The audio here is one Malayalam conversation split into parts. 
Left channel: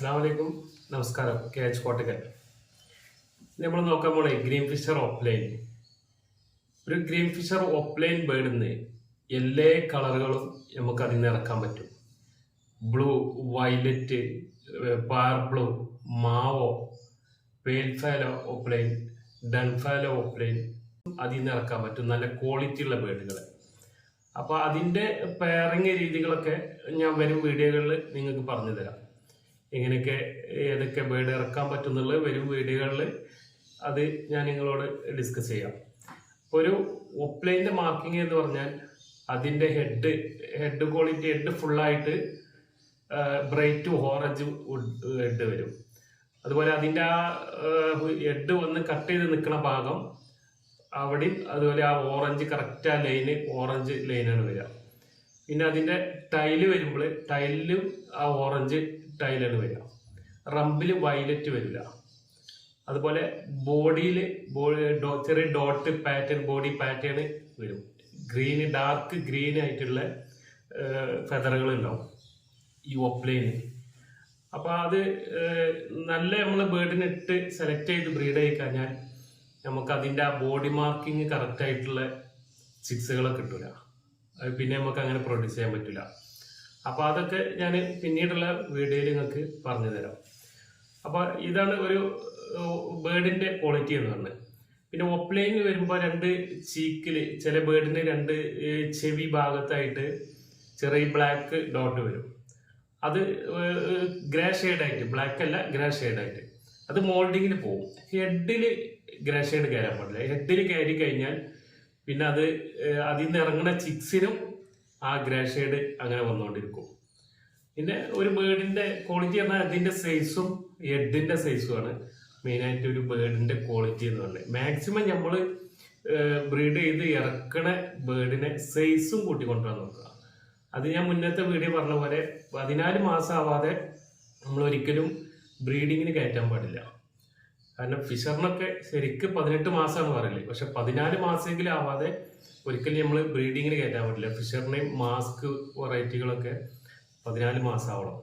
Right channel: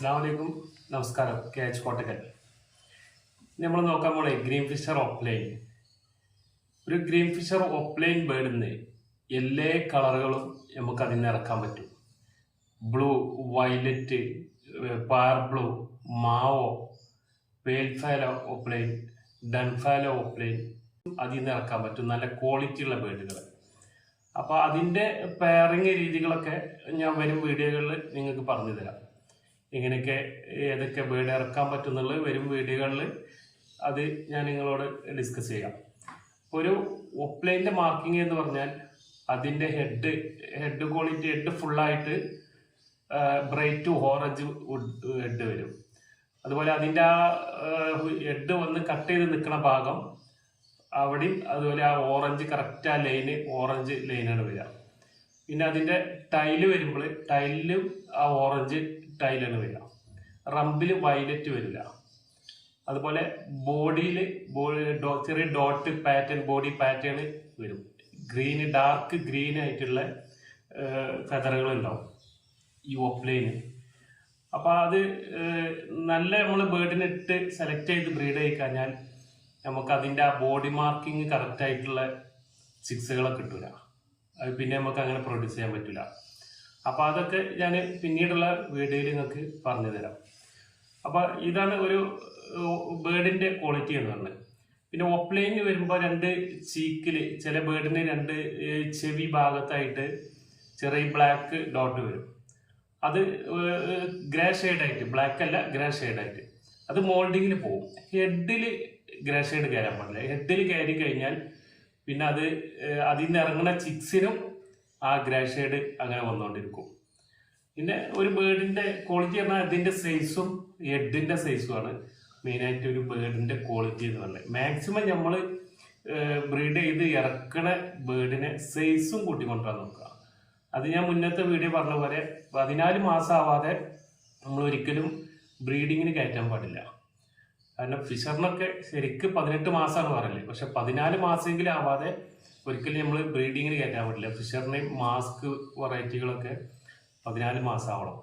അസ്സലാമലൈക്കും നമസ്കാരം. K H Kottakkal. നമ്മൾ നോക്കാൻ പോണേ ഗ്രീൻ ഫിഷർ ഓപ്ലൈൻ. ഒരു ഗ്രീൻ ഫിഷർ ഓപ്ലൈൻ ബേർഡിന്ന് എല്ലാ കളറുകളും നമുക്ക് അതിൽ നിന്ന് ഇറക്കാൻ പറ്റും. ബ്ലൂ, വയലറ്റ്, പാർ ബ്ലൂ, മാവോ, പേൽഫാലോ ഓപ്ലൈൻ, ഡൺഫാലോ ഓപ്ലൈൻ അതിൽ നിന്ന് ഇറക്കാൻ പറ്റും. നല്ല ക്വാളിറ്റി ഉള്ള ബേർഡുകൾ. അപ്പോൾ അതിൻ്റെ പെയറിങ് രീതികളൊക്കെ ഞാൻ വരും വീഡിയോകളിൽ നിങ്ങൾക്ക് പറഞ്ഞു തരാം. എങ്ങനെയൊക്കെ ഏതൊക്കെ ബേർഡ് ഇറക്കാൻ പറ്റുന്നുള്ളത് വരും വീഡിയോകളിൽ അത് ഞാൻ നിങ്ങളോട് ഡിസ്കസ് ചെയ്യാം. ഒരു ഓപ്ലൈൻ്റെ മാർക്കിംഗ് എന്ന് പറഞ്ഞാൽ അതിൻ്റെ ഹെഡ് ക്വാളിറ്റി, ഹെഡ് ഫുള്ളായിട്ട് ബ്രൈറ്റ് ഓറഞ്ച് ഹെഡ് വരും. അതുപോലെ അതിൻ്റെ ആ ഹെഡ് വന്ന് കട്ട് ചെയ്ത് നിൽക്കുന്ന ഭാഗം അവിടെയും അതുപോലെ ആ ഓറഞ്ച് കറക്റ്റ് ആ ലൈന് ഓറഞ്ച് ലൈനാണ് വരിക. പിന്നെ അതിൻ്റെ ടൈല് വരുമ്പോൾ ടൈലിലും ആ ഓറഞ്ച് ടൈലാണ് വരിക. റമ്പിൽ വയലറ്റ് വരില്ല. അതുപോലെ ബോഡിയിൽ ചെറിയ ഡോട്ട് പാറ്റേൺ, ബോഡി പാറ്റേൺ വരും. ഗ്രീന്, ഡാർക്ക് ഗ്രീൻ ആയിട്ടുള്ള ഫെദറുകൾ ഉണ്ടാവും ഈ ഓപ്ലൈന്. അപ്പോൾ അത് നല്ല നമ്മൾ ബേർഡിനെ ഇട്ട് സെലക്ട് ചെയ്ത് ബ്രീഡ് ആയി കഴിഞ്ഞാൽ നമുക്ക് അതിൻ്റെ ആ ബോഡി മാർക്കിങ് കറക്റ്റായിട്ടുള്ള ചിക്സുകളൊക്കെ കിട്ടൂല. അത് പിന്നെ നമുക്ക് അങ്ങനെ പ്രൊഡ്യൂസ് ചെയ്യാൻ പറ്റില്ല. അപ്പോൾ അതൊക്കെ ഞാൻ പിന്നീടുള്ള വീഡിയോയിൽ നിങ്ങൾക്ക് പറഞ്ഞു തരാം. അപ്പോൾ ഇതാണ് ഒരു ബേർഡിൻ്റെ ക്വാളിറ്റി എന്ന് പറഞ്ഞത്. പിന്നെ ഓപ്ലൈനിൽ വരുമ്പോൾ രണ്ട് ചീക്കിൽ ചില ബേർഡിന് രണ്ട് ചെവി ഭാഗത്തായിട്ട് ചെറിയ ബ്ലാക്ക് ഡോട്ട് വരും. അത് ഗ്രേ ഷെയ്ഡായിട്ട്, ബ്ലാക്ക് അല്ല ഗ്രേ ഷെയ്ഡായിട്ട് അത് മോൾഡിങ്ങിൽ പോകും. ഹെഡിൽ ഗ്രേ ഷെയ്ഡ് കയറാൻ പാടില്ല. ഹെഡിൽ കയറി കഴിഞ്ഞാൽ പിന്നെ അത് അതിൽ നിന്ന് ഇറങ്ങുന്ന ചിക്സിനും ആ ഗ്രേ ഷെയ്ഡ് അങ്ങനെ വന്നുകൊണ്ടിരിക്കും. പിന്നെ ഒരു ബേർഡിൻ്റെ ക്വാളിറ്റി പറഞ്ഞാൽ അതിൻ്റെ സൈസും ഹെഡിൻ്റെ സൈസുമാണ് മെയിനായിട്ട് ഒരു ബേർഡിൻ്റെ ക്വാളിറ്റി എന്ന് പറഞ്ഞത്. മാക്സിമം നമ്മൾ ബ്രീഡ് ചെയ്ത് ഇറക്കണ ബേർഡിനെ സൈസും കൂട്ടിക്കൊണ്ടുവരാൻ നോക്കുക. അത് ഞാൻ മുന്നത്തെ വീഡിയോ പറഞ്ഞ പോലെ 14 മാസം ആവാതെ നമ്മൾ ഒരിക്കലും ബ്രീഡിങ്ങിന് കയറ്റാൻ പാടില്ല. കാരണം ഫിഷറിനൊക്കെ ശരിക്കും 18 മാസമാണ് പറയില്ലേ, പക്ഷെ 14 മാസമെങ്കിലും ആവാതെ ഒരിക്കലും നമ്മൾ ബ്രീഡിങ്ങിന് കയറ്റാൻ പറ്റില്ല. ഫിഷറിനെയും മാസ്ക് വെറൈറ്റികളൊക്കെ 14 മാസം ആവണം.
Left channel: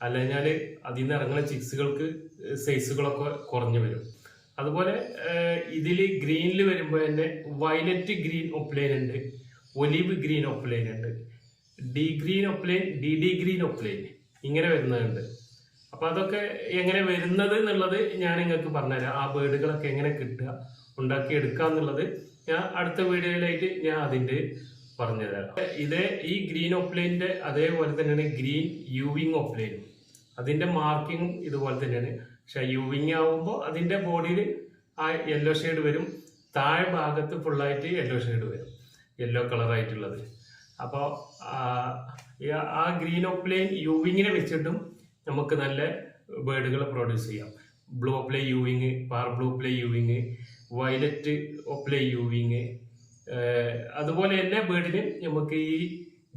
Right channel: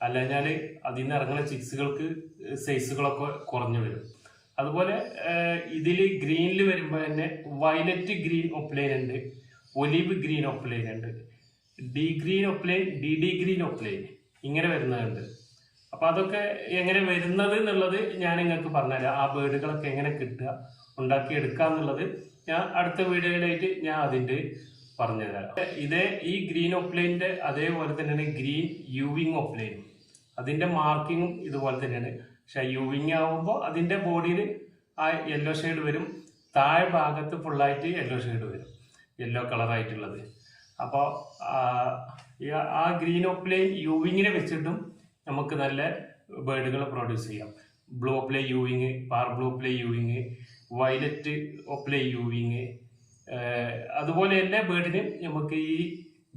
അല്ലെങ്കിൽ അതിൽ നിന്ന് ഇറങ്ങുന്ന ചിക്സുകൾക്ക് സൈസുകളൊക്കെ കുറഞ്ഞു വരും. അതുപോലെ ഇതിൽ ഗ്രീനിൽ വരുമ്പോൾ തന്നെ വയലറ്റ് ഗ്രീൻ ഓപ്ലൈൻ ഉണ്ട്, ഒലിവ് ഗ്രീൻ ഓപ്ലൈൻ ഉണ്ട്, ഡി ഗ്രീൻ ഓപ്ലൈൻ, ഡി ഗ്രീൻ ഓപ്ലൈൻ ഇങ്ങനെ വരുന്നുണ്ട്. അപ്പോൾ അതൊക്കെ എങ്ങനെ വരുന്നത് എന്നുള്ളത് ഞാൻ നിങ്ങൾക്ക് പറഞ്ഞുതരാം. ആ ബേർഡുകളൊക്കെ എങ്ങനെ കിട്ടുക, ഉണ്ടാക്കിയെടുക്കുക എന്നുള്ളത് ഞാൻ അടുത്ത വീഡിയോയിലായിട്ട് ഞാൻ അതിൻ്റെ പറഞ്ഞുതരാം. ഇതേ ഈ ഗ്രീൻ ഓപ്ലൈൻ്റെ അതേപോലെ തന്നെയാണ് ഗ്രീൻ യൂവിങ് ഓപ്ലൈനും. അതിൻ്റെ മാർക്കിങ്ങും ഇതുപോലെ തന്നെയാണ്. പക്ഷെ യൂവിങ് ആവുമ്പോൾ അതിൻ്റെ ബോഡിയിൽ ആ യെല്ലോ ഷെയ്ഡ് വരും. താഴെ ഭാഗത്ത് ഫുള്ളായിട്ട് യെല്ലോ ഷെയ്ഡ് വരും, യെല്ലോ കളറായിട്ടുള്ളത്. അപ്പോൾ ആ ഗ്രീൻ ഓപ്ലൈൻ യൂവിങ്ങിനെ വെച്ചിട്ടും നമുക്ക് നല്ല ബേർഡുകൾ പ്രൊഡ്യൂസ് ചെയ്യാം. ബ്ലൂ ഓപ്ലൈ യൂവിങ്, പാർ ബ്ലൂ ഓപ്ലൈ യൂവിങ്, വയലറ്റ് ഓപ്ലൈ യൂവിങ്, അതുപോലെ എല്ലാ ബേർഡിനും നമുക്ക് ഈ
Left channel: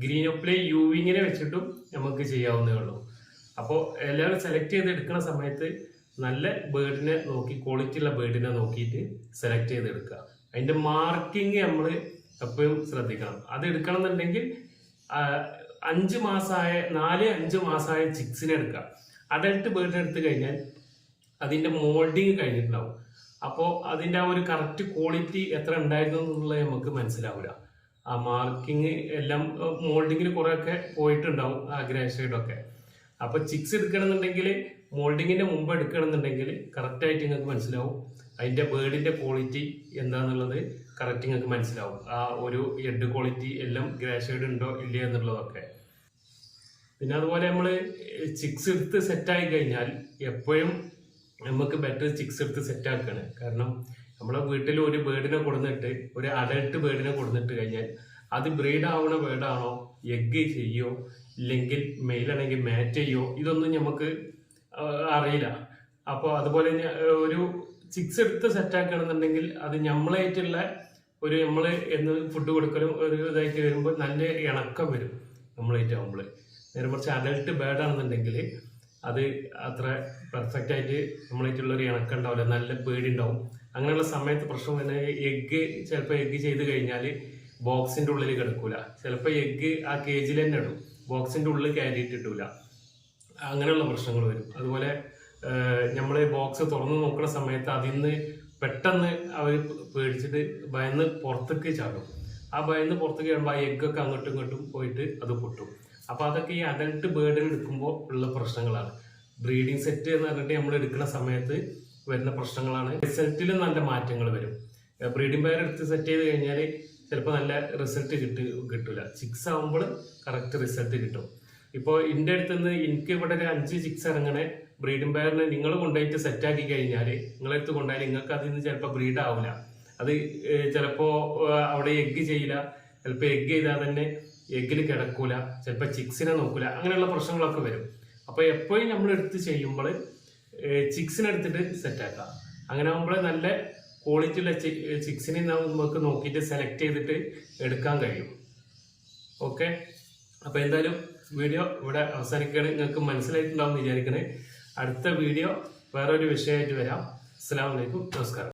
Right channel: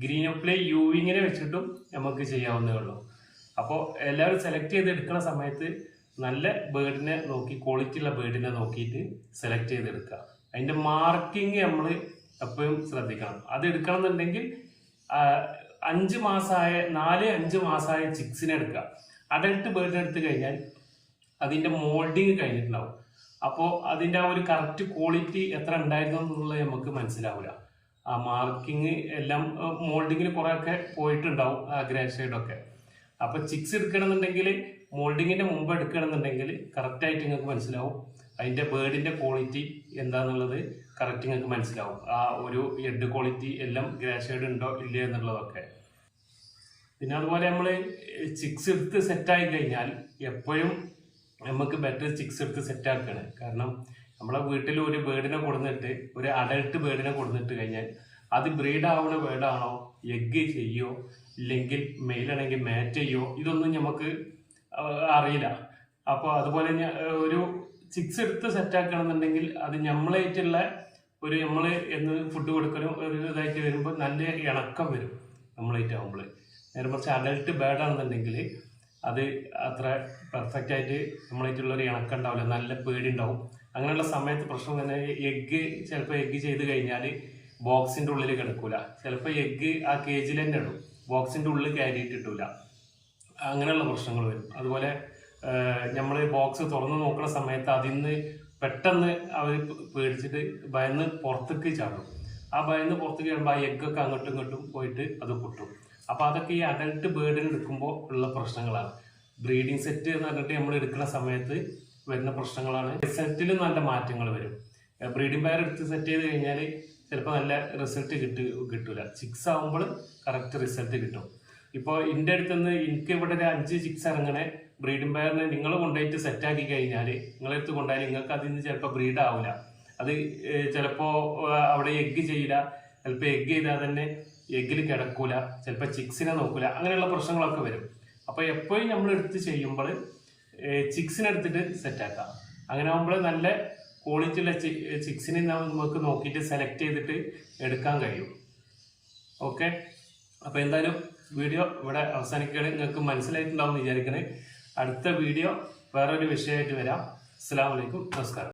ഗ്രീൻ ഓപ്ലൈ യൂവിങ്ങിനെ വെച്ചിട്ടും നമുക്ക് ചെയ്യാവുന്നേ ഉള്ളൂ. അപ്പോൾ എല്ലാവരും സെലക്ട് ചെയ്ത് എടുക്കുന്ന സമയത്ത് നല്ല ബേർഡിനെ നോക്കി, ക്വാളിറ്റി ഉള്ള ബേർഡിനെ നോക്കിയിട്ട് സെലക്ട് ചെയ്തെടുക്കുക. അതിൻ്റെ മാർക്കിങ് നമ്മൾ എപ്പോഴും ശ്രദ്ധിക്കണം. അത് എടുക്കണം എന്നുണ്ടെങ്കിൽ 5 മാസമായ 4-5 മാസമായ ചിക്സിനെ എടുക്കുക. അഡൽട്ട് ബേർഡിനെ എടുത്തു കഴിഞ്ഞാൽ അതിൻ്റെ മോൾഡിങ് കഴിഞ്ഞിട്ടുണ്ടാവും. അപ്പോൾ അതിൻ്റെ ആ ഒരു കറക്റ്റ് ക്വാളിറ്റി എത്ര ഉണ്ടായിരുന്നു എന്നുള്ളത് നമുക്ക് മനസ്സിലാവില്ല. ആ മാർക്കിങ് എല്ലാം മോൾഡിങ്ങിന് കുറേയൊക്കെ പോയിട്ടുണ്ടാവും, ആ ഗ്രേ ഷെയ്ഡൊക്കെ. അപ്പോൾ ചിക്സ് എടുക്കണമെന്നുണ്ടെങ്കിൽ മോൾഡിങ്ങിൻ്റെ മുമ്പ് എടുക്കണമെന്നുണ്ടെങ്കിൽ കറക്റ്റായിട്ട് നിങ്ങൾക്ക് മനസ്സിലാവും അതിൻ്റെ ബേർഡിൻ്റെ ക്വാളിറ്റി എന്താണെന്നുള്ളത് കറക്റ്റ് നിങ്ങൾക്ക് മനസ്സിലാവും. ആ ഒരു ഹെഡ് ക്വാളിറ്റി എല്ലാം ഗ്രേ ഷെയ്ഡ് ഉണ്ടോ ഇല്ല എന്നുള്ളതൊക്കെ. പിന്നെ അതുപോലെ നമ്മൾ ചിക്സ് എടുത്ത് സെറ്റായി കഴിഞ്ഞാൽ എപ്പോഴും നമുക്ക് ബെറ്റർ ചിക്സ് എടുത്ത് സെറ്റാക്കുകയാണ്. കാരണം നമ്മളെ വീട്ടിൽ ഒരു ബേർഡിനെ കൊടുന്നിട്ട്, ഒരു അഡൽട്ട് ബേർഡിനെ കൊടുന്നിട്ട് കഴിഞ്ഞാൽ അത് ബ്രീഡ് ആവുന്ന ബേർഡാണോ, എഗ് ചെയ്യോ, ഇല്ലെങ്കിൽ മെയിലാണെങ്കിൽ മാറ്റ് ചെയ്യോ, ഇതൊന്നും നമുക്ക് അറിയില്ല. അപ്പോൾ അതുപോലെ ഒരു ചിക്സ് എടുത്ത് സെറ്റാക്കുകയാണെന്നുണ്ടെങ്കിൽ അത് നമ്മളായിട്ടുള്ള ഒരു നമ്മൾ എന്ന് ഫുഡ് കൊടുക്കലും ഒരു ഇതായിട്ട് വരുമ്പോൾ നല്ല ഇണക്കം വരും നമ്മളായിട്ടാകുമ്പോൾ. നേരെ മറിച്ച് അഡൽട്ട് ബേർഡാണെന്നുണ്ടെങ്കിൽ അത് അത്ര പെർഫെക്റ്റ് ആയിട്ട് നമ്മളായിട്ടുള്ളൊരു ഇണക്കം ഉണ്ടാവില്ല, നല്ല പേടിയുണ്ടാവും. അങ്ങനെയുള്ള സമയത്ത് പ്രശ്നം തന്നെ ചിലപ്പോൾ എഗ്ഗ് ചെയ്ത് കഴിഞ്ഞാൽ ബോക്സിൻ്റെ ഉള്ളിൽ കിടക്കൂല. ചിലപ്പോൾ എഗ്ഗ് ആ കേജിൽ തന്നെ ഇടും, ബോക്സിൻ്റെ ഉള്ളിൽ കയറിയിട്ടിട്ടില്ല. അങ്ങനെയുള്ള പ്രശ്നങ്ങൾ വരും. അതുപോലെ നമ്മൾ ബോക്സ് തുറന്ന് നോക്കുന്ന സമയത്ത് അതിൽ നിന്ന് പെട്ടെന്ന് അവർ പേടിച്ചിട്ട് ഭയന്ന് പുറത്തേക്ക് ചാടും. ആ ഭയന്ന് പുറത്തേക്ക് ചാടുമ്പോൾ ആ എഗ്ഗൊക്കെ അങ്ങോട്ടും ഇങ്ങോട്ടും പോയിട്ട് അത് പൊട്ടും. അപ്പോൾ അതൊക്കെ ഈ അഡൽട്ട് ബേർഡിന് എടുക്കുമ്പോൾ ഉള്ള പ്രശ്നങ്ങളാണ്. ബ്രീഡിംഗ് സെറ്റ് എന്ന് പറഞ്ഞിട്ട് നമ്മൾ എടുക്കുന്ന സമയത്ത് വരുന്ന പ്രശ്നങ്ങളാണ്. റിസൾട്ടിലും നല്ല മാറ്റങ്ങൾ വരും. ബ്രീഡിംഗ് പെയർ എടുത്ത് സെറ്റ് ചെയ്ത് കഴിഞ്ഞാൽ ചിലപ്പോൾ നല്ല റിസൾട്ട് കിട്ടില്ല. ചിക്സ് ആകുമ്പോൾ കറക്റ്റ് റിസൾട്ട് കിട്ടും. ഇപ്പോൾ എൻ്റെ അടുത്ത് നിന്ന് എനിക്ക് ഇവിടെ ഒരു 5 ചിക്സ് ഇറങ്ങണേ ബ്രീഡിംഗ് പെയറിനെ നിങ്ങൾ കൊണ്ടുപോയിട്ട് സെറ്റാക്കി കഴിഞ്ഞാൽ നിങ്ങളെടുത്ത് കൊണ്ടുപോയാൽ നിങ്ങൾക്ക് അതിൽ നിന്ന് ചിലപ്പോൾ ബ്രീഡ് ആവില്ല. അത് ചിലപ്പോൾ അവിടെ എഗ്ഗ് ചെയ്യില്ല, ചിലപ്പോൾ എഗ്ഗ് ചെയ്താൽ തന്നെ എഗ്ഗിൽ കിടക്കൂല, ചിലപ്പോൾ ചിക്സിനെ നോക്കൂല, അങ്ങനെയുള്ള പ്രശ്നങ്ങളൊക്കെ വരും. അപ്പോൾ എപ്പോഴും നമ്മൾ എടുത്ത് ചെയ്യുമ്പോൾ ചിക്സിനെ എടുത്തിട്ട് സെറ്റാക്കാം. അങ്ങനെ ആകുമ്പോൾ നല്ല ക്വാളിറ്റി ഉള്ള ചിക്സിനെ നമുക്ക് നോക്കിയിട്ട് സെലക്ട് ചെയ്തിട്ട് എടുക്കാൻ കഴിയും. ഓക്കെ, അപ്പോൾ എന്തായാലും വീഡിയോ ഇവിടെ അവസാനിക്കുകയാണ്. നിങ്ങൾക്ക് മനസ്സിലായിട്ടുണ്ടാവും എന്ന് വിചാരിക്കണേ. അടുത്ത വീഡിയോ വേറൊരു വിഷയമായിട്ട് വരാം. അസ്സലാമു അലൈക്കും, നമസ്കാരം.